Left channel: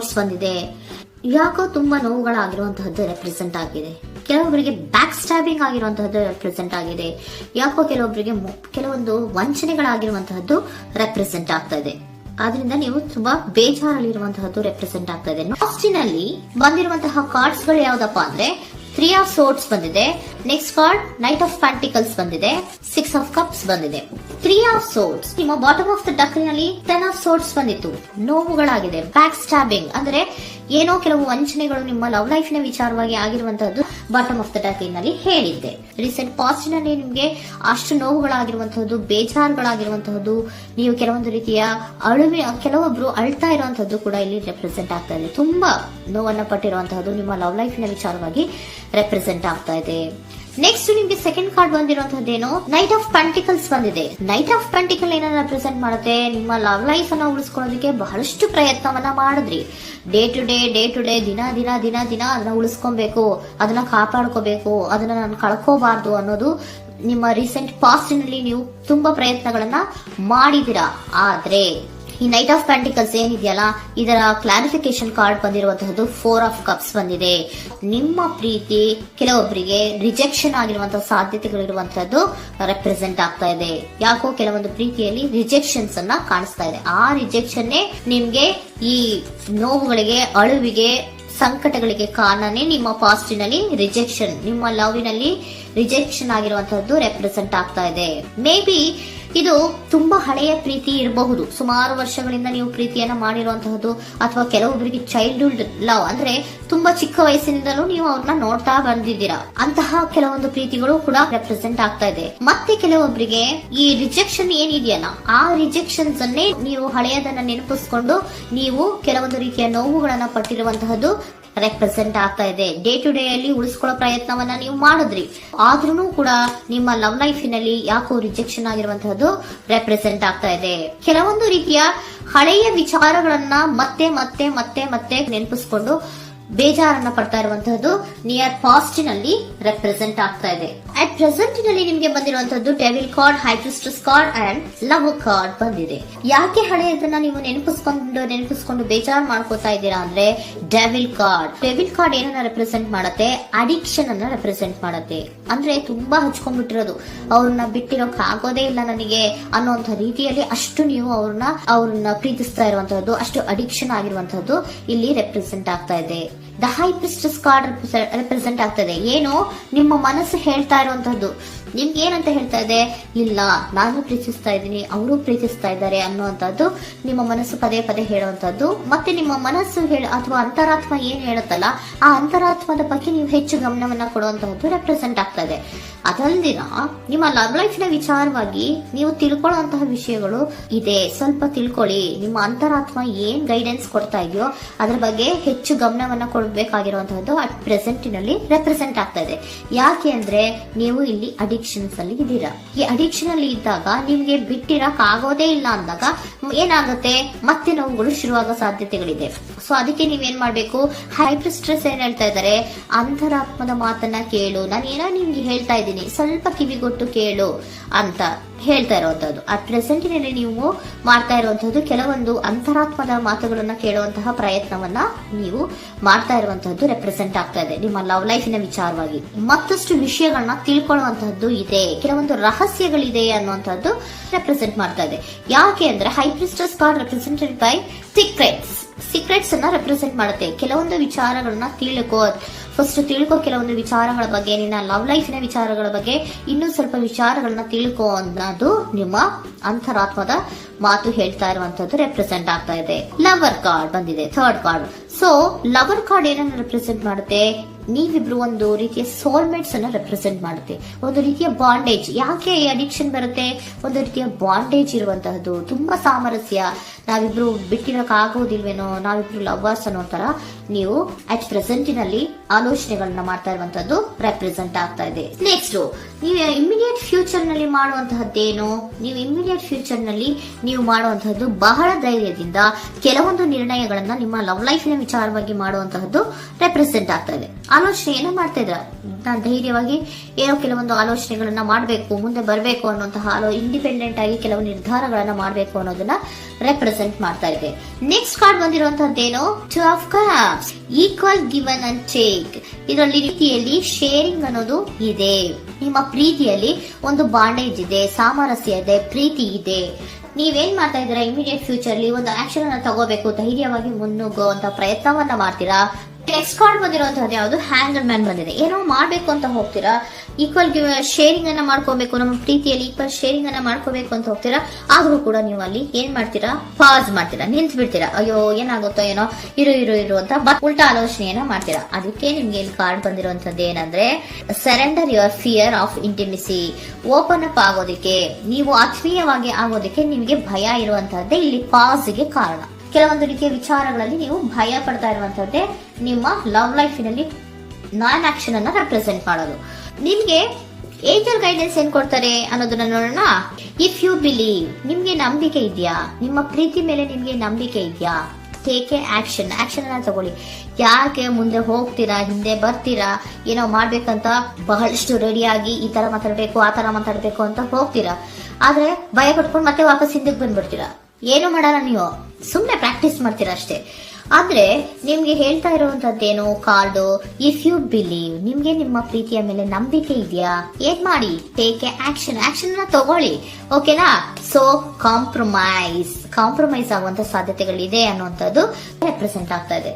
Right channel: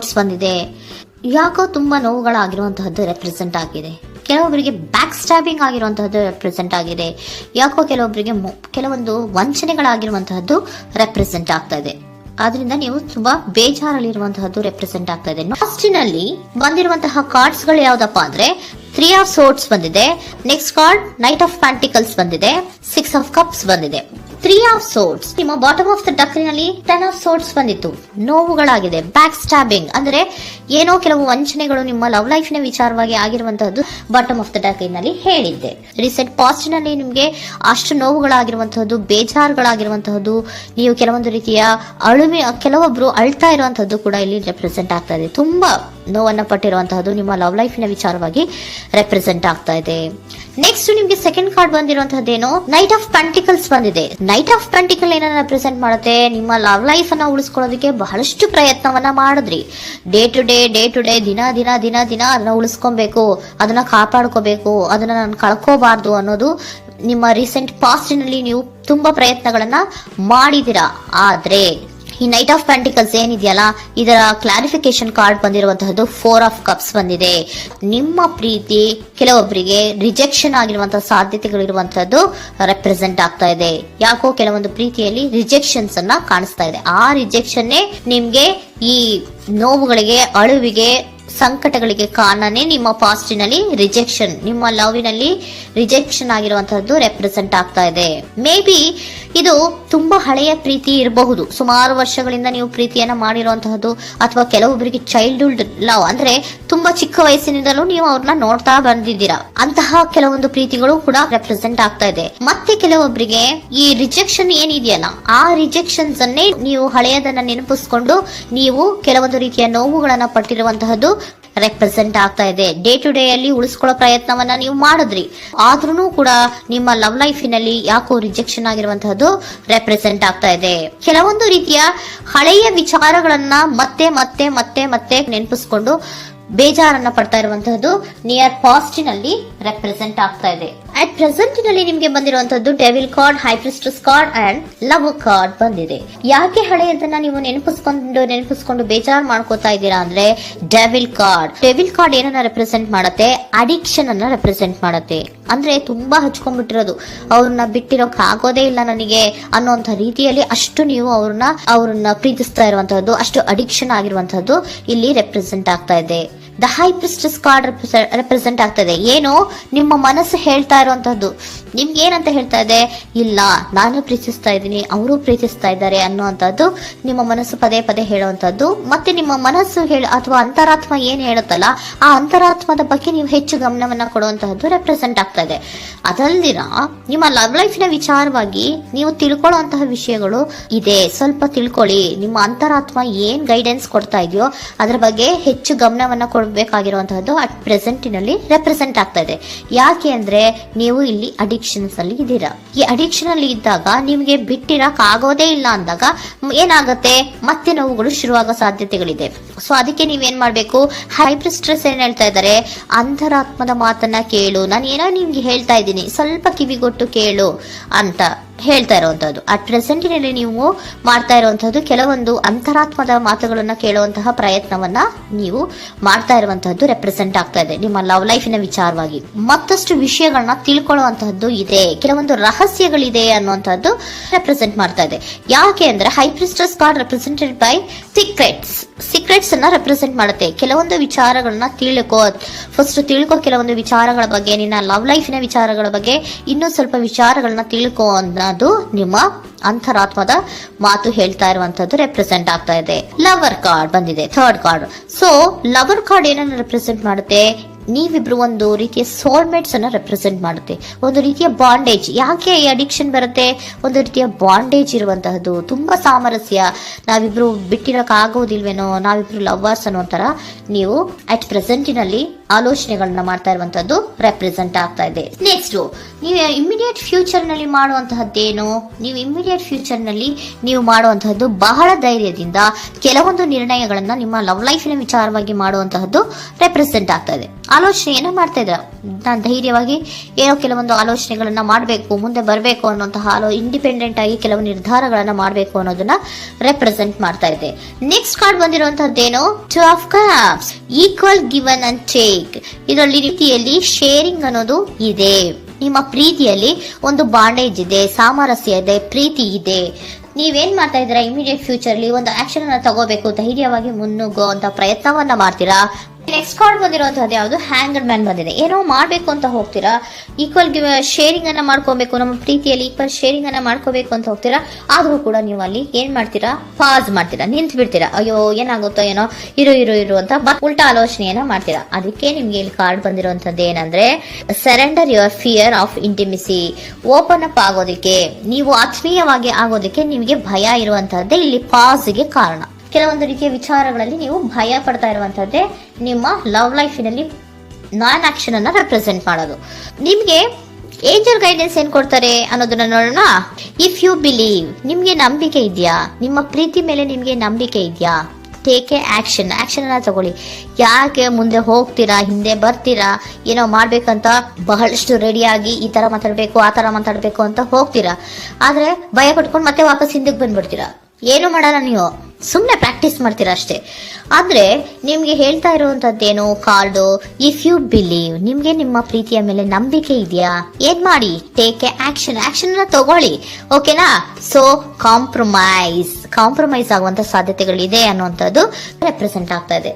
Sorts ಬಂದಿದೆ. ಯಾಕೋ ತುಂಬಾ ನೋವುಗಳಾಗಿರುವಂತಹದ್ದು ರೆಪ್ರೆಸೆಂಟ್ ಆಗಿದೆ. ಕೆಲವೊಬ್ಬರಿಗೆ ಬ್ಯಾಕ್ ಸ್ಟ್ಯಾಬಿಂಗ್ ಆಗಿರುವಂತಹದ್ದು ರೆಪ್ರೆಸೆಂಟ್ ಆಗಿದೆ. ಯಾಕೋ ಕೆಲವೊಬ್ಬರಿಗೆ ಕೆಲವೊಂದು ವಂಚನೆಗಳಾಗಿರುವಂತಹದ್ದು ರೆಪ್ರೆಸೆಂಟ್ ಆಗ್ತಾ ಇದೆ. ಆದ್ರಿಂದ ನೀವು ತುಂಬಾ ಬೇಜಾರಲ್ಲಿರುವಂತಹದ್ದು ರೆಪ್ರೆಸೆಂಟ್ ಆಗ್ತಾ ಇದೆ. ಲಾಸ್ಟಿನಲ್ಲಿ ಬಂದಿರುವಂತಹ ಕಾರ್ಡ್ಸ್ ಗಳು ಯಾವ್ದಪ್ಪ ಅಂದ್ರೆ 3 ಆಫ್ ಸೋರ್ಟ್ಸ್ ಬಂದಿದೆ. Next card knight of pentacles ಬಂದಿದೆ. 6 ಆಫ್ ಕಪ್ಸ್ ಬಂದಿದೆ. 3 ಆಫ್ ಸೋರ್ಟ್ಸ್ ನಿಮ್ಮ ಬಾಟಮ್ ಆಫ್ ದ ಡಕ್ನಲ್ಲಿ 10 ಆಫ್ ಸೋರ್ಟ್ಸ್ ಬಂದಿತ್ತು. ನೋವುಗಳಾಗಿದೆ, ಬ್ಯಾಕ್ ಸ್ಟ್ಯಾಬಿಂಗ್ ಅಂದ್ರೆ ಏನೋ ಕೆಲವು ವಂಚನೆಗಳು ನಿಮ್ಮ ಲವ್ ಲೈಫ್ ನ ವಿಚಾರವಾಗಿ ಆಗಿರುವಂತಹದ್ದು ಬಾಟಮ್ ಆಫ್ ದ ಡಕ್ನಲ್ಲಿ ಹೇಳಿದ್ದೆ. ರೀಸೆಂಟ್ ಪಾಸ್ಟ್ ನಲ್ಲಿ ನಿಮ್ಗೆ ಅಷ್ಟು ನೋವುಗಳಾಗಿರುವಂತಹದ್ದು, ಬೇಜಾರುಗಳಾಗಿರುವಂತಹದ್ದು, ನೀವು ಕೆಲವೊಂದು ರೀತಿಯ ಕೆಲವೊಬ್ರು ಅಳ್ತಾ ಇರುವಂತಹದ್ದು ಕೂಡ ಇಲ್ಲಿ ರೆಪ್ರೆಸೆಂಟ್ ಆಗ್ತಾ ಇದೆ. ತುಂಬಾ ನೋವನ್ನ ಪಟ್ಟಿರುವಂತಹದ್ದು ನಿಮ್ಮ ಲವ್ ಲೈಫ್ ನ ವಿಚಾರವಾಗಿ ರೆಪ್ರೆಸೆಂಟ್ ಆಗ್ತಾ ಇದೆ. ನೆಕ್ಸ್ಟ್ ನಿಮ್ಗೆ ಸೆಕೆಂಡ್ ಕಾರ್ಡ್ ಬಂದಿರುವಂತಹದ್ದೇನು ನೈಟ್ ಆಫ್ ಪೆಂಟಿಕಲ್ಸ್ ಬಂದಿದೆ. ನೈಟ್ ಆಫ್ ಪೆಂಟಿಕಲ್ ಏನನ್ನ ರೆಪ್ರೆಸೆಂಟ್ ಮಾಡುತ್ತೆ, ನಿಮ್ಮ ಲವ್ ಲೈಫ್ ಅನ್ನ ಉಳಿಸ್ಕೊಳ್ಳೋದಕ್ಕೆ ಬಹಳಷ್ಟು ಪ್ರಯತ್ನವನ್ನ ಮಾಡಿದ್ರಿ. ಡೇ ಟು ಡೇ ದಿನ ಅದನ್ನ ಉಳಿಸ್ಕೊಬೇಕು, ಅದನ್ನ ಕಾಪಾಡ್ಕೋಬೇಕು, ಅದನ್ನ ನಾನು ಕಳ್ಕೋಬಾರ್ದು ಅನ್ನೋದು ನಿಮ್ಮ ರೀಸೆಂಟ್ ಪಾಸ್ಟ್ ನಲ್ಲಿ ನೀವು ತುಂಬಾ ಪ್ರಯತ್ನಗಳನ್ನ ಮಾಡಿದಿರಾ. ಆದ್ರೆ ಈ ನೈಟ್ ಆಫ್ ಪ್ಯಾಂಟಿಕಲ್ಸ್ ಏನಿದೆಯಲ್ಲ, ಇದರ ಕ್ಲಾರಿಫಿಕೇಶನ್ ಕಾರ್ಡ್ ಬಂದಿರುವಂತಹದ್ದು 4 ಆಫ್ ಕಪ್ಸ್ ಬಂದಿದೆ. ನಿಮ್ಮ ಪ್ರೀತಿ ಕೆಲವೊಬ್ಬರಿಗೆ ರಿಜೆಕ್ಷನ್ ಆಗಿರುವಂತಹ ಸಾಧ್ಯತೆಗಳಿರುವಂತಹದ್ದು ರೆಪ್ರೆಸೆಂಟ್ ಆಗ್ತಾ ಇದೆ. ಯಾಕೋ ಕೆಲವೊಂದು ಪ್ರೀತಿಯಲ್ಲಿ ರಿಜೆಕ್ಷನ್ಸ್ ಅನ್ನ ಕಾಣಿಸ್ತಾ ಇದೆ. ಆ ರಿಜೆಕ್ಷನ್ ನಿಮ್ಗೆ ಈ ನೋವುಗಳಿಗೆ, ಅಳುವಿಗೆ, ಸಂಕಟಗಳಿಗೆ ಕಾರಣನೇ ನಿಮ್ಮ ಪಾಸ್ಟಿನಲ್ಲಿ ರಿಜೆಕ್ಷನ್, ನಿಮ್ಮ ಲವ್ನಲ್ಲಿ ರಿಜೆಕ್ಷನ್ ಆಗಿರುವಂತಹದ್ದು ರೆಪ್ರೆಸೆಂಟ್ ಆಗ್ತಾ ಇದೆ. ಮೇ ಬಿ ಇದು ತುಂಬಾ ಹಳೆಯ ಪ್ರೀತಿ ಇರಬಹುದು. ಸುಮಾರು ವರ್ಷಗಳಿಂದ ನೀವು ಪ್ರೀತಿಯನ್ನ ಮಾಡಿರುವಂತಹದ್ದು, ಅಥವಾ ಕೆಲವೊಬ್ಬರಿಗೆ ಚೈಲ್ಡ್ಹುಡ್ ಲವ್ ಅಂದ್ರೆ ತುಂಬಾ ಚಿಕ್ಕ ವಯಸ್ಸಿನಿಂದಲೂ ನೀವು ಅವ್ರನ್ನ ನೋಡ್ತಾ ಬಂದಿದ್ದೀರಾ. ಅಂತಹ ಕೆಲವೊಂದು ಪ್ರೀತಿಗಳು ಕೂಡ ರೆಪ್ರೆಸೆಂಟ್ ಆಗ್ತಾ ಇದೆ. ಮತ್ತೆ ಕೆಲವೊಬ್ಬರಿಗೆ ಈ ರಿಜೆಕ್ಷನ್ ಏನಿದೆಯಲ್ಲ, ಆ ರಿಜೆಕ್ಷನ್ಸ್ ಅನ್ನೇ ನೀವು ಹಳೆಯದನ್ನ ನೆನಪಿಸ್ಕೊಂಡು ನೀವು ಕೆಲವೊಂದು ರೀತಿಯ ನೋವುಗಳನ್ನ ಪಟ್ಟಿರುವಂತಹದ್ದು ರೆಪ್ರೆಸೆಂಟ್ ಆಗ್ತಾ ಇದೆ. ಡೇ ಟು ಡೇ ಅಲ್ಲಿ ಉಳಿಸ್ಕೊಳ್ಳೋ ಪ್ರಯತ್ನವನ್ನ ನೀವು ಮಾಡಿದ್ರಿ, ಆದ್ರೂ ಕೂಡ ನಿಮ್ಮ ಲವ್ ಲೈಫಿನಲ್ಲಿ ಯಾಕೋ ರಿಜೆಕ್ಷನ್ ಆಗಿರುವಂತಹದ್ದು ರೆಪ್ರೆಸೆಂಟ್ ಆಗ್ತಾ ಇದೆ. ಕೆಲವೊಂದು ರೀತಿಯ ಹಳೆಯ ವಿಚಾರಗಳನ್ನ ಮತ್ತೆ ಮತ್ತೆ ಮತ್ತೆ ಮತ್ತೆ ನೆನಪಿಸ್ಕೊಂಡು ಬೇಜಾರನ್ನ ಪಡ್ತಾ ಇರುವಂತಹದ್ದು ನಿಯರ್ ಪಾಸ್ಟಿನಲ್ಲಿ ರೆಪ್ರೆಸೆಂಟ್ ಆಗ್ತಾ ಇದೆ. ಅಟ್ ಪ್ರೆಸೆಂಟ್ ನಲ್ಲಿ ನಿಮ್ಗೆ ಬಂದಿರುವಂತಹದ್ದು devil card, high priestess card and love card ಬಂದಿದೆ. ಯಾಕೆ ಹಳೆಯದನ್ನ ನೀವು ನೆನಪಿಸ್ಕೊಂಡು ಬೇಜಾರು ಮಾಡ್ಕೋತಾ ಇದ್ದೀರಾ ಅಂದ್ರೆ, ಡೆವಿಲ್ ಕಾರ್ಡ್ ಏನನ್ನ ರೆಪ್ರೆಸೆಂಟ್ ಮಾಡುತ್ತೆ, ಅಡಿಕ್ಷನ್ ಅನ್ನ ರೆಪ್ರೆಸೆಂಟ್ ಮಾಡುತ್ತೆ. ಅಂದ್ರೆ ತುಂಬಾ ಹಚ್ಕೊಂಡ್ಬಿಟ್ಟಿರೋದು, ಅವ್ರನ್ನ ಬಿಟ್ಟಿರೋಕ್ ಆಗೋದೇ ಇಲ್ಲ ನನಗೆ ಅನ್ನೋಂಥ ರೀತಿಯಲ್ಲಿ ಅಷ್ಟು ನೀವು ಅವ್ರನ್ನ ಪ್ರೀತಿಸ್ತಾ ಇರುವಂತಹದ್ದು, ಅಷ್ಟು ಅಡಿಕ್ಷನ್ ಆಗಿರುವಂತಹದ್ದು ಇಲ್ಲಿ ರೆಪ್ರೆಸೆಂಟ್ ಆಗ್ತಾ ಇದೆ. The high priestess card represent ಆಗ್ತದೆ. ಏನು ನಿಮ್ಮ ಮನಸ್ಸು ಹೇಳ್ತಾ ಇರುವಂತಹದ್ದು, ನಿಮ್ಗೆ ಏನಂತ ಹೇಳ್ತಾ ಇದೆ, ಇಲ್ಲ ನಾನು ಪ್ರೀತಿಸ್ತಾ ಇದ್ದೀನಿ, ಅವರು ಪ್ರೀತಿಸ್ತಾ ಇದ್ದಾರೆ ಅನ್ನುವಂಥದ್ದು ನಿಮ್ಮ ಮನಸ್ಸು ಪದೇ ಪದೇ ಹೇಳುವಂತದ್ದು. ಮತ್ತೆ ನಿಮ್ಮ ಮನಸ್ಸು ಅಥವಾ ಅಂತರಾತ್ಮ ಏನ್ ಹೇಳುತ್ತಲ್ಲ, ಆ ಅಂತರಾತ್ಮದ ಬಗ್ಗೆ ನೀವು ಹೆಚ್ಚು ಗಮನವನ್ನ ಕೊಡುವಂತಹದ್ದು ರೆಪ್ರೆಸೆಂಟ್ ಆಗ್ತಾ ಇದೆ. ಅದಲ್ದಿರ ನಿಮ್ಮ ಲವ್ ಲೈಫ್ ನ ವಿಚಾರವಾಗಿ ನೀವು ತಿಳ್ಕೊಳ್ಳುವಂತಹ ವಿಷಯಗಳು ಇದೆ. ಸ್ವಲ್ಪ ತಿಳ್ಕೊಳ್ಳಿ. ನಿಮ್ಮ ಅಂತರಾತ್ಮ ಏನ್ ಗೈಡೆನ್ಸ್ ಕೊಡ್ತಾ ಇದೆಯೋ ಅದರ ಬಗ್ಗೆ ಹೆಚ್ಚು ಗಮನವನ್ನ ಕೊಡಬೇಕಾಗಿರುವಂತಹದ್ದು ಅಟ್ ಪ್ರೆಸೆಂಟಿನಲ್ಲಿ ರೆಪ್ರೆಸೆಂಟ್ ಆಗ್ತಾ ಇದೆ. ಯಾಕೆ ಅಂದ್ರೆ ನೀವು ಇಲ್ಲಿ ಅಡಿಕ್ಷನ್ಸ್ ಅಲ್ಲಿ ಇದ್ದೀರಾ. ಈ ಅಡಿಕ್ಷನ್ ಅಲ್ಲಿ ಇದ್ದಾಗ ನಿಮ್ಗೆ ಬಿಟ್ಟಿರಕ್ ಆಗೋದೇ ಇಲ್ಲ ಅಂದಾಗ ಏನಾಗುತ್ತೆ, ಮತ್ತೆ ನೋವುಗಳು ಶುರುವಾಗೋ ಸಾಧ್ಯತೆಗಳಿದೆ. ಸೊ ಅದಕ್ಕೆ ನೀವೇನ್ ಮಾಡ್ಬೇಕು, ಹೈಪರ್ ಸ್ಟ್ರೆಸ್ ಏನ್ ಹೇಳ್ತಾ ಇದ್ದಾರೆ, ಅಂತರಾತ್ಮದ ಮಾತನ್ನ ಕೇಳು, ನಾನು ಏನೋ ನಿಮ್ಗೆ ಹೇಳ್ತಾ ಇದ್ದೀನಿ, ಸ್ವಲ್ಪ ಕಿವಿಗೊಟ್ಟು ಕೇಳು ಅಂತ ಹೇಳ್ತಾ ಇರುವಂತದ್ದು. ಅಟ್ ಪ್ರೆಸೆಂಟಿನಲ್ಲಿ ನೀವು ಮಾಡ್ತಾ ಇರುವಂತಹದ್ದು ಕೆಲವೊಂದು ಅಂತರಾತ್ಮದ ಮಾತುಗಳನ್ನ ಕೇಳುವಂತಹ ಪ್ರಯತ್ನವನ್ನ ನೀವು ಮಾಡ್ತಾ ಇರುವಂತಹದ್ದು ರೆಪ್ರೆಸೆಂಟ್ ಆಗ್ತಾ ಇದೆ. ನಿಮ್ಮ ಲವ್ ಲೈಫಿನ ವಿಚಾರವಾಗಿ ಮತ್ತಷ್ಟು ವಿಷಯಗಳನ್ನ ತಿಳ್ಕೊಳ್ಳುವಂತಹದ್ದು ಇದೆ, ಕೆಲವೊಂದು ರಹಸ್ಯಗಳಿದೆ ಅನ್ನುವಂಥದ್ದು ರೆಪ್ರೆಸೆಂಟ್ ಮಾಡ್ತಾ ಇದೆ. ಯಾಕೆ ಅಂದ್ರೆ high priestess card represented by secrets ಅನ್ನ ರೆಪ್ರೆಸೆಂಟ್ ಮಾಡುತ್ತೆ. ಕೆಲವೊಂದು ವಿಚಾರಗಳನ್ನ ತಿಳ್ಕೊ ಕೆಲವೊಂದು ವಿಚಾರಗಳ ಬಗ್ಗೆ, ನಿನ್ನ ಲವ್ ಲೈಫಿನ ವಿಚಾರಗಳ ಬಗ್ಗೆ ಇನ್ನೂ ಸ್ವಲ್ಪ ವಿಚಾರಗಳನ್ನ ತಿಳ್ಕೊ ಅನ್ನೋದು ನಿಮ್ಮ ಅಂತರಾತ್ಮದ ಮಾತು ಹೇಳ್ತಾ ಇರುವಂತದ್ದು ರೆಪ್ರೆಸೆಂಟ್ ಆಗ್ತಾ ಇದೆ. ಲವರ್ ಕಾರ್ಡ್ ಬಂದಿದೆ, third card. So lover card ಏನನ್ನ ರೆಪ್ರೆಸೆಂಟ್ ಮಾಡುತ್ತೆ, ನೀವಿಬ್ರು ಒಂದು ರೀತಿಯ ಸೋಲ್ಮೇಟ್ಸ್ ಅನ್ನ ರೆಪ್ರೆಸೆಂಟ್ ಮಾಡುತ್ತೆ, ಒಂದು ರೀತಿಯ ಬಾಂಡೇಜ್. ಯಾಕೆ ಈ ಅಡಿಕ್ಷನ್ ಬರುತ್ತೆ, ಒಂದು ರೀತಿಯ ಬಾಂಡೇಜ್ ಇರುವಂತಹದ್ದು, ತುಂಬಾ ಸಾಮರಸ್ಯ, ನಾವಿಬ್ರು ಬಿಟ್ಟಿರಕ್ ಆಗೋದಿಲ್ವೇನೋ, ನಾವಿಬ್ರು ಲವ್ವರ್ಸ್ ಅನ್ನೋ ತರ ನೀವು ಅಟ್ ಪ್ರೆಸೆಂಟಿನಲ್ಲಿ ಆಲೋಚನೆಗಳನ್ನ ಮಾಡ್ತಾ ಇರುವಂತದ್ದು ರೆಪ್ರೆಸೆಂಟ್ ಆಗ್ತಾ ಇದೆ. ನೆಕ್ಸ್ಟ್ ನೀವು ಇಮಿಡಿಯೇಟ್ ಫ್ಯೂಚರ್ ನಲ್ಲಿ ಮಾಡುವಂತಹದ್ದೇನು, ನೀವು ಇಮಿಡಿಯೇಟ್ ಫ್ಯೂಚರ್ ನಲ್ಲಿ ನೀವು ಮಾಡುವಂತಹದ್ದು ಬಹಳ ಧೈರ್ಯದಿಂದ ಕೆಲವೊಂದು ನಿರ್ಣಯಗಳನ್ನ ನಿಮ್ಮ ಲವ್ ಲೈಫಿನ ವಿಚಾರವಾಗಿ ಮಾಡುವಂತಹದ್ದು ರೆಪ್ರೆಸೆಂಟ್ ಆಗ್ತಾ ಇದೆ. ಆಲೋಚನೆಯನ್ನ ಮಾಡ್ತಾ ಇದ್ರ, ನಾನು ಧೈರ್ಯವಾಗಿ ಏನೋ ಕೆಲವೊಂದು ಆಲೋಚನೆಗಳನ್ನ ಮಾಡಬೇಕು, ಮುಂದೆ ಬರಬೇಕು ಅನ್ನುವಂತಹ ಇಂಡಿಪೆಂಡೆಂಟ್ ಆಗಿ ಕೆಲವು ನಿರ್ಧಾರಗಳನ್ನ ಮಾಡಬೇಕು ಅನ್ನೋದನ್ನ ರೆಪ್ರೆಸೆಂಟ್ ಮಾಡ್ತಾ ಇದೆ. ನೆಕ್ಸ್ಟ್ ಕಾರ್ಡ್ ಬಂದಿರುವಂತಹದ್ದೇನು, two of cups, equal given and take. ಇದರಲ್ಲಿ ರೀತಿಯಲ್ಲಿ ಶೇರಿಂಗ್ ಅನ್ನೋದು ಇದೆ. ನಿಮ್ಮ ಪ್ರೀತಿಯಲ್ಲಿ ಒಂದು ಬಾಂಡೇಜ್ ಇದೆ, ಸಾಮರಸ್ಯ ಇದೆ, ಪ್ರೀತಿ ಇದೆ. ನೀವೇನ್ ಮಾಡ್ತಾ ಇದ್ದೀರಾ, ಇಮಿಡಿಯೇಟ್ ಫ್ಯೂಚರ್ ಅಲ್ಲಿ ಒಂದು ಆಕ್ಷನ್ ಅನ್ನ ತಗೋಬೇಕು, ಧೈರ್ಯವಾಗಿ ಮುನ್ನುಗ್ಗುವಂತ ಪ್ರಯತ್ನವನ್ನ ಮಾಡ್ತೀರಾ. ನೆಕ್ಸ್ಟ್ ಕಾರ್ಡ್ ಬಂದಿರುವಂತಹದ್ದು ಯಾವುದು, ಹ್ಯಾಂಗರ್ ಮ್ಯಾನ್ ಬಂದಿದೆ. ಏನೋ ಮಾಡ್ಬೇಕು ಅಂತ ಹೋಗ್ತೀರಾ, ಈಕ್ವಲ್ ಶೇರಿಂಗ್ ಅನ್ನ ಮಾಡ್ಕೋಬೇಕು, ನಮ್ಮ ಪ್ರೀತಿಯಲ್ಲಿ ಈಕ್ವಲ್ ಶೇರಿಂಗ್ ಅನ್ನ ಮಾಡ್ಕೋಬೇಕು ಅಂತ ಹೋಗ್ತೀರಾ. ಆದ್ರೂ ಕೂಡ ನೀವು ಅಲ್ಲಿ ಏನ್ ಮಾಡ್ತೀರಾ, ಪಾಸ್ ಮಾಡ್ತೀರಾ, ನಿಂತು ಬಿಡ್ತೀರಾ. ಅಯ್ಯೋ ಏನಾಗುತ್ತೋ ಏನೋ, ಇರು ಅಂತ ಉಲ್ಟಾ ಆಲೋಚನೆಯನ್ನ ಮಾಡ್ತೀರಾ. ಅದಕ್ಕೆ ನಿಮ್ಗೆ ಇಲ್ಲಿ ಕಾರ್ಡ್ ಬಂದಿರುವಂತದ್ದು ಏನಂದ್ರೆ, surrender your fear of intimacy. Open up ಆಗೋದಕ್ಕೆ, ನೀವು ಆತ್ಮೀಯವಾಗಿ ಆಗೋದಕ್ಕೆ ನಿಮಗೆ ಭಯ ಇರುವಂತಹದ್ದೇ ಇಲ್ಲಿ ಪಾಸ್ಗೆ ಕಾರಣ. ಕೆಲವೊಂದು ರೀತಿಯ ವಿಚಾರಗಳಲ್ಲಿ ನೀವು ಭಯ ಪಡ್ತಾ ಇರುವಂತದ್ದೇ ನಿಮ್ಮ ಲವ್ ಲೈಫಿನಲ್ಲಿ ನಾನ್ ಆಕ್ಷನ್ ಅನ್ನ ರೆಪ್ರೆಸೆಂಟ್ ಮಾಡೋದು. ನಿಮ್ಗೆ ಏಂಜಲ್ ಗೈಡೆನ್ಸ್ ಏನ್ ಕೊಡ್ತಾರೆ ಅನ್ನೋದನ್ನ ನೋಡೋಣ. ಇಫ್ ಯು ಬಿಲೀವ್, ನಿಮ್ಗೆ ನಂಬಿಕೆ ಇದೆಯಾ, ನಿಮ್ಮ ಪ್ರೀತಿ ಮೇಲೆ ನಿಮ್ಗೆ ನಂಬಿಕೆ ಇದೆಯಾ, ಟೇಕ್ ಎ ಆಕ್ಷನ್ ಅನ್ನ ತಗೊಳ್ಳಿ. ಯಾಕೆ ಮುಂದೆ ಹೋಗ್ತೀರಾ, ಹಿಂದೆ ಬರ್ತೀರಾ, ಏನೋ ಮಾಡ್ಬೇಕಂತ ಬಹಳಷ್ಟು ರೆಡಿಯಾಗಿ ಈ ತರ ಮಾತಾಡ್ಬೇಕು ಆ ತರ ಮಾತಾಡ್ಬೇಕು ಅಂತ ಹೋಗ್ತೀರಾ. ಆದ್ರೆ ಭಯ ಪಟ್ಕೊಂಡು ಮತ್ತೆ ವಾಪಸ್ ಹಿಂದಕ್ಕೆ ಬಂದ್ಬಿಡ್ತೀರಾ. ಏನು ಮಾಡಲ್ಲ, ನೀವು ಸುಮ್ನೆ ಪ್ರಾಕ್ಟೀಸ್ ಮಾಡ್ತೀರಾ ಅಷ್ಟೇ. ಆದ್ರೆ ನಿಮ್ಗೆ ಹೇಳ್ತಾ ಇರುವಂತದ್ದೇನು ಕಾರ್ಡು, ಇಫ್ ಯು ಬಿಲೀವ್, ನಿಮ್ಗೆ ನಿಮ್ಮ ಪ್ರೀತಿಯ ಮೇಲೆ ನಂಬಿಕೆ ಇದೆಯಾ, ಏನ್ ಮಾಡಿ, ಟೇಕ್ ಎ ಆಕ್ಷನ್ ಅನ್ನ ತಗೊಳ್ಳಿ. ಓಕೆನಾ. ಸೊ ಕಾಂಪ್ರಮೈಸ್ ಆಗುವಂತ ಸಾಧ್ಯತೆಗಳಿದೆ ಅನ್ನುವಂಥದ್ದು ರೆಪ್ರೆಸೆಂಟ್ ಆಗ್ತಾ ಇದೆ.